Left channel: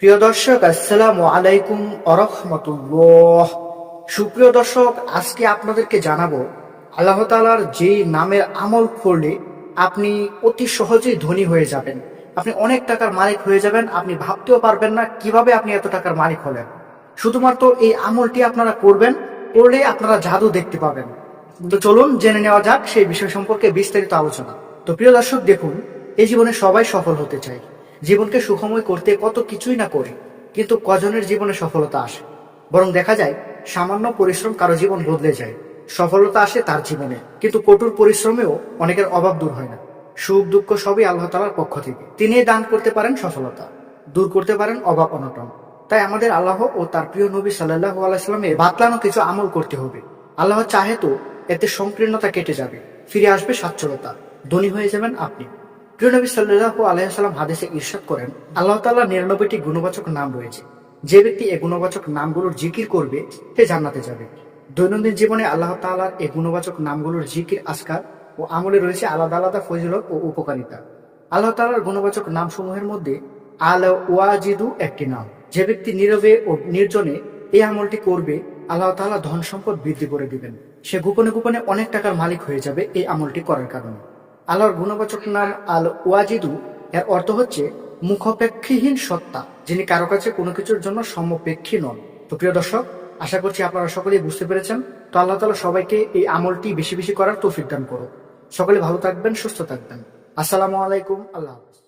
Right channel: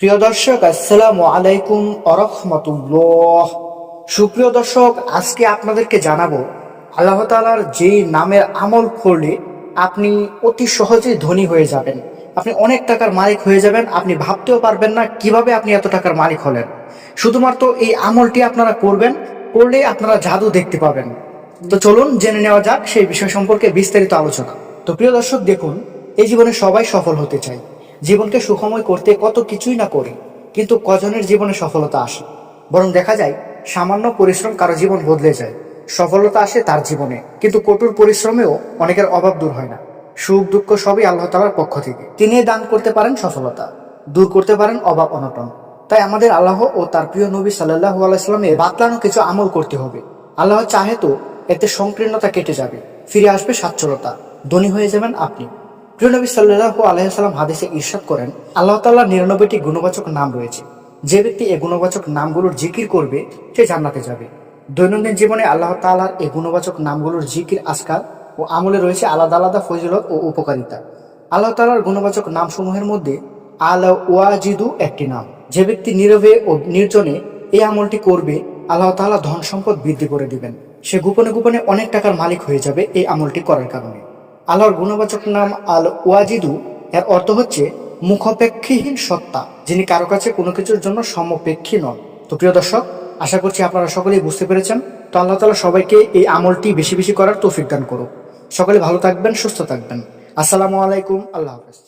প্রিয় দর্শক, আসসালামু আলাইকুম আরহামাতুল্লাহ। সুপ্রিয় দর্শক, আজকে আপনাদেরকে জানাবো আল্লাহ তাআলার যেই নামের আমল করলে আপনি অতি সহজেই ধনী হয়ে যাবেন, আপনি অনেক টাকার মালিক হয়ে যাবেন। আপনি ভাবতেও পারবেন না কিভাবে আপনি এত টাকার মালিক হলেন। শুধুমাত্র এই আমলটি আপনারা করবেন, করলে আপনারা জাদু দেখতে পাবেন। তো চলুন জেনে নেওয়া যাক সেই বিষয় সম্পর্কে বিস্তারিত আলোচনা। তো প্রিয় দর্শক, দেখুন, এই জীবনে সবাই সফল হতে চায়, জীবনকে সুখময় করতে কত কিছুই না করি, কিন্তু কজনের জীবনে সফলতা আসে? বরং দেখা যায় সামান্য পরিশ্রম কারো জীবন বদলে যায়। সফলতা আসে তার জীবনে, কিন্তু কঠোর পরিশ্রমেও অনেকের অভাব দূর হয় না। সুখ দুঃখ সবই আল্লাহ তাআলার পক্ষ থেকে, তিনি দান করতে পারেন সফলতা, দূর করতে পারেন অভাব অনটন। তাই আমাদের আল্লাহ ও তার প্রিয় নবী সাল্লাল্লাহু আলাইহি সাল্লামের বাতলানো কিছু আমল করতে হবে। আল্লাহ চাহে তো এতে সংকীর্ণতা কেটে যাবে, ফিরে আসবে সচ্ছলতা, ধনী হয়ে যাবেন আপনি। প্রিয় নবী সাল্লাল্লাহু আলাইহি সাল্লাম হাদিসে ইরশাদ করেন, আল্লাহ তাআলার 99টি গুণবাচক নাম রয়েছে। যে ব্যক্তি এই গুণবাচক নামগুলোর জিকির করবে সে জান্নাতে যাবে। দৈনন্দিন জীবনে আল্লাহ তাআলার এই গুণবাচক নামগুলোর জিকির, আজকার ও আমলে রয়েছে আলাদা আলাদা ফজিলত ও উপকারিতা। আল্লাহ তাআলার গুণবাচক নামসমূহের মধ্যে আল ওয়াজিদু একটি নাম। যে ব্যক্তি নীরবে ও নির্জনে এই আমলটি করবে, আল্লাহ তাআলা ধন সম্পদ বৃদ্ধি করে দিবেন। সে গোপনে গোপনে অনেক টাকার মালিক হয়ে যাবে এই আমলটি করার কারণে। আল্লাহর গুণবাচক নাম আল ওয়াজিদু, এর অর্থ হচ্ছে মুখাপেক্ষীহীন সত্তা, যিনি কারো কাছে কোনো কিছুর জন্য সমপেক্ষী নন। তো প্রিয় দর্শক, আশা করছি আপনারা সকলেই বুঝতে পেরেছেন। তো আল্লাহ তাআলা সবাইকে এই আমলটি বেশি বেশি করার তৌফিক দান করুক। সকলে ভালো থাকবেন, সুস্থ থাকবেন। আসসালামু আলাইকুম, আল্লাহ হাফেজ।